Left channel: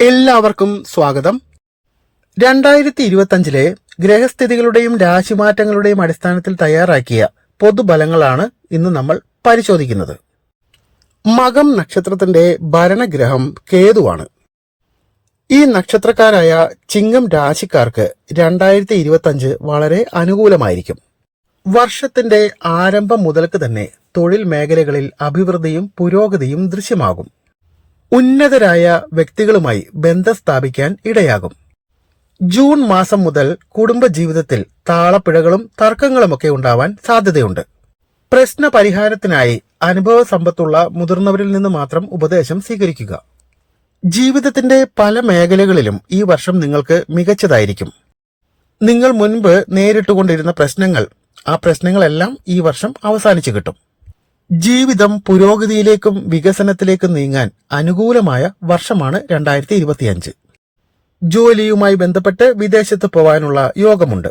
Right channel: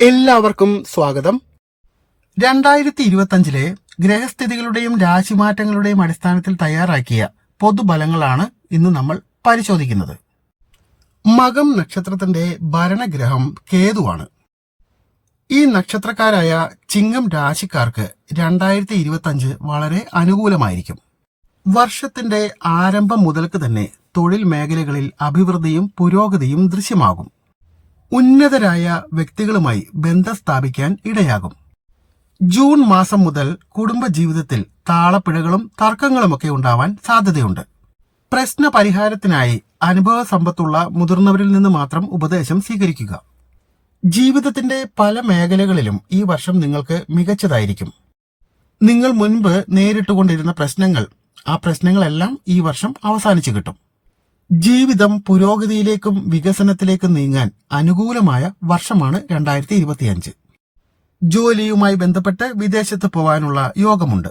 എല്ലാവർക്കും സ്വാഗതം. രണ്ടായിരത്തി ഇരുപത്തഞ്ചിലെ ഗ്രഹസ്ഥിതികളുടെയും രാശിമാറ്റങ്ങളുടെയും അടിസ്ഥാനത്തിൽ തയ്യാറാക്കിയ പൊതുബലങ്ങളാണ് ഇന്ന് നമ്മൾ പരിശോധിക്കുന്നത്. മകം നക്ഷത്രത്തിന്റെ ഭരണഗ്രഹം കേതുവാണ്. ഈ നക്ഷത്രക്കാരായ ചിങ്ങം രാശിക്കാർക്ക് രണ്ടായിരത്തി ഇരുപത്തഞ്ച് വളരെ അനുകൂലമായിരിക്കും. വർഷത്തിന്റെ ആരംഭം മുതൽക്ക് തന്നെ തൊഴിൽ മേഖലകളിൽ അഭിവൃദ്ധിയും പുരോഗതിയും ദൃശ്യമാകും. ഉന്നതരായ വ്യക്തികളുമായി ബന്ധം സ്ഥാപിക്കാൻ ഇടയാകും. ജൂൺ മാസം മുതൽ കുടുംബജീവിതത്തിൽ താളപ്പിഴകളും തർക്കങ്ങളുമൊക്കെ ഉണ്ടാവാൻ സാധ്യതയുണ്ട്. പ്രശ്ന പരിഹാരത്തിനായി അനുഭവ സമ്പത്തുള്ള മുതിർന്നവരിൽ നിന്ന് മാത്രം ഉപദേശം സ്വീകരിക്കുക. ജീവിതത്തിന്റെ പല മേഖലകളിലും ഈ വർഷം നിങ്ങൾക്ക് മികച്ചതായിരിക്കും. നിങ്ങൾ മുൻപ് നേരിട്ടുകൊണ്ടിരുന്ന പ്രശ്നങ്ങൾ ആ പ്രശ്നങ്ങളെല്ലാം ഈ വർഷം അവസാനിച്ചു കിട്ടും. ജീവിതം പുരോഗതിയിലേക്കും വികസനത്തിലേക്കും നീങ്ങാൻ അനുകൂലമായ വർഷമാണ് രണ്ടായിരത്തി ഇരുപത്തിയഞ്ച് ജോലിയുമായി ബന്ധപ്പെട്ട് വിദേശത്ത് പോവാനുള്ള യോഗമുണ്ട്.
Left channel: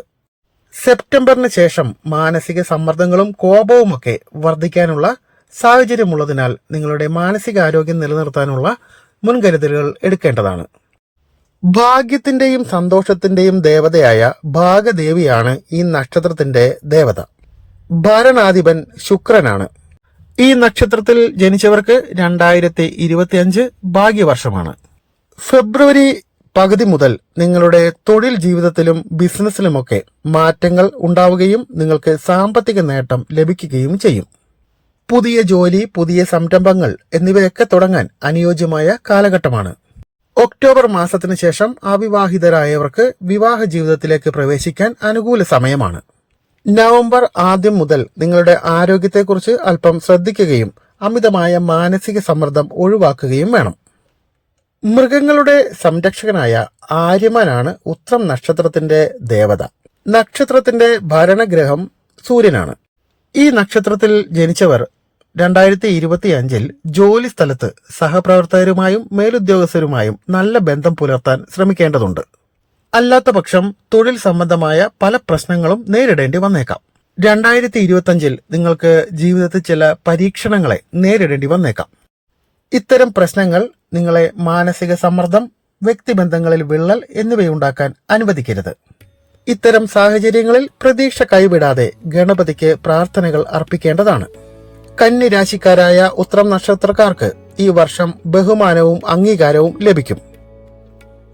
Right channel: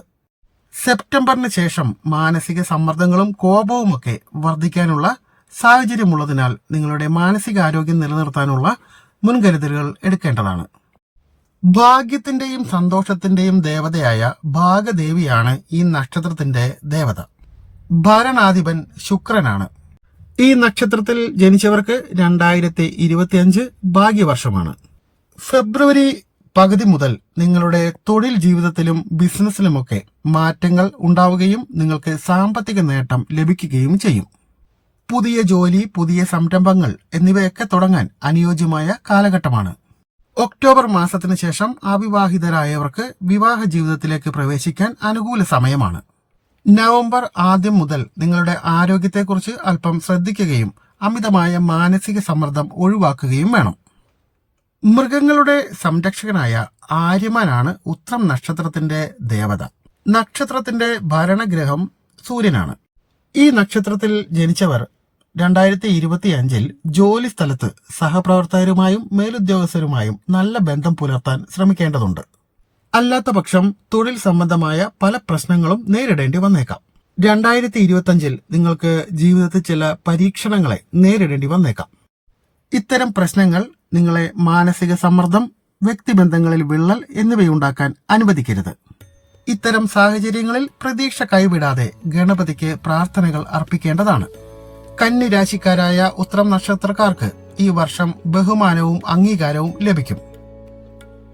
സെപ്റ്റംബറിന് ശേഷം മാനസിക സമ്മർദ്ദങ്ങളും കോപവുമൊക്കെ വർദ്ധിക്കാനുള്ള സാഹചര്യമുള്ളതിനാൽ നിങ്ങളുടെ മാനസികാരോഗ്യം നിലനിർത്താനുള്ള മുൻകരുതലുകൾ എടുക്കേണ്ടതാണ്. ഭാഗ്യത്തിന്റെയും സന്തോഷത്തിന്റെയും ദേവതയായ ഭാഗദേവിയാണ് ഈ നക്ഷത്രത്തിന്റെ ദേവത. ഭരണാധിപൻ ശുക്രനാണ്. ഈ നക്ഷത്രത്തിൽ ജനിച്ചവർക്ക് രണ്ടായിരത്തി ഇരുപത്തിയഞ്ച് ഭാഗ്യവർഷമാണ്. ഫെബ്രുവരി പകുതി മുതൽ നിങ്ങളുടെ തൊഴിൽ ജീവിതത്തിലും ബിസിനസ്സിലുമൊക്കെ മാറ്റങ്ങൾ ഉണ്ടാവുകയും നിങ്ങൾക്ക് സാമ്പത്തിക നേട്ടം ലഭിക്കുകയും ചെയ്യും. പുതിയ ജോലി പുതിയ സംരംഭങ്ങൾ എന്നിവയൊക്കെ തുടങ്ങാൻ അനുയോജ്യമായ കാലഘട്ടമാണ്. ഒക്ടോബർ മാസത്തിനു ശേഷം അവിവാഹിതരായവർക്ക് വിവാഹ ജീവിതത്തിലേക്ക് പ്രവേശിക്കാൻ അനുകൂല സമയമാണ്. നവംബർ ആദ്യം മുതൽ നിങ്ങളുടെ ആരോഗ്യത്തെക്കുറിച്ച് അല്പം ശ്രദ്ധിക്കുകയും അമിതമായ മാനസിക സമ്മർദ്ദം ഒഴിവാക്കുകയും വേണം. മൃഗങ്ങളുടെ സംരക്ഷകനായ ആര്യമാനാണ് ഉത്രം നക്ഷത്രത്തിന്റെ ദേവത. നക്ഷത്രത്തിന്റെ ഭരണഗ്രഹം സൂര്യനാണ്. ഈ നക്ഷത്രത്തിൽ ജനിച്ചവർ രണ്ടായിരത്തി ഇരുപത്തി അഞ്ചിൽ ജോലി സ്ഥലത്ത് സഹപ്രവർത്തകരുമായും മേലുദ്യോഗസ്ഥരുമായും നല്ല ബന്ധം പുലർത്താൻ ശ്രമിക്കേണ്ടതുണ്ട്. അല്ലാത്ത പക്ഷം തൊഴിൽ സംബന്ധമായ പല പ്രശ്നങ്ങളും നേരിടേണ്ടി വന്നേക്കാം. രണ്ടായിരത്തി ഇരുപത്തിയഞ്ചിൽ നിങ്ങൾക്ക് ജീവിതത്തിൽ ചില പരീക്ഷണങ്ങളെ നേരിടേണ്ടി വന്നേക്കാം. ഇത്തരം പ്രശ്നങ്ങൾ നിങ്ങളെ മാനസിക സമ്മർദ്ദം വ്യക്തിബന്ധങ്ങളിൽ വിള്ളൽ എന്നിവയുണ്ടാക്കാൻ അനുവദിക്കരുത്. ഇത്തരം സാഹചര്യങ്ങളിൽ പ്രതീക്ഷ കൈവിടാതെ ഗണപതിക്ക് പ്രാർത്ഥനകൾ അർപ്പിക്കേണ്ടതാണ്. കന്നി രാശിക്കാരായ ഉത്രം നക്ഷത്രക്കാർക്ക് ഈ വർഷം ബഹുമാനവും അംഗീകാരവും ലഭിക്കും.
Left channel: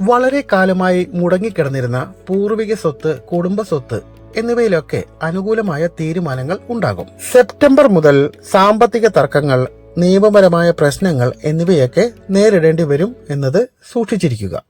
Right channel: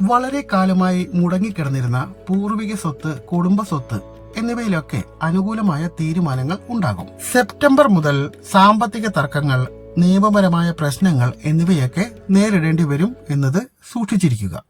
വളരെ കാലമായി മുടങ്ങിക്കിടന്നിരുന്ന പൂർവിക സ്വത്ത് കുടുംബ സ്വത്ത് എന്നിവയിലൊക്കെ അനുകൂലമായ തീരുമാനങ്ങൾ ഉണ്ടാകും. സെപ്റ്റംബർ മുതൽ സാമ്പത്തിക തർക്കങ്ങൾ നിയമപരമായ പ്രശ്നങ്ങൾ എന്നിവയൊക്കെ നേരിടേണ്ടി വരും എന്നത് സൂക്ഷിച്ചിരിക്കുക.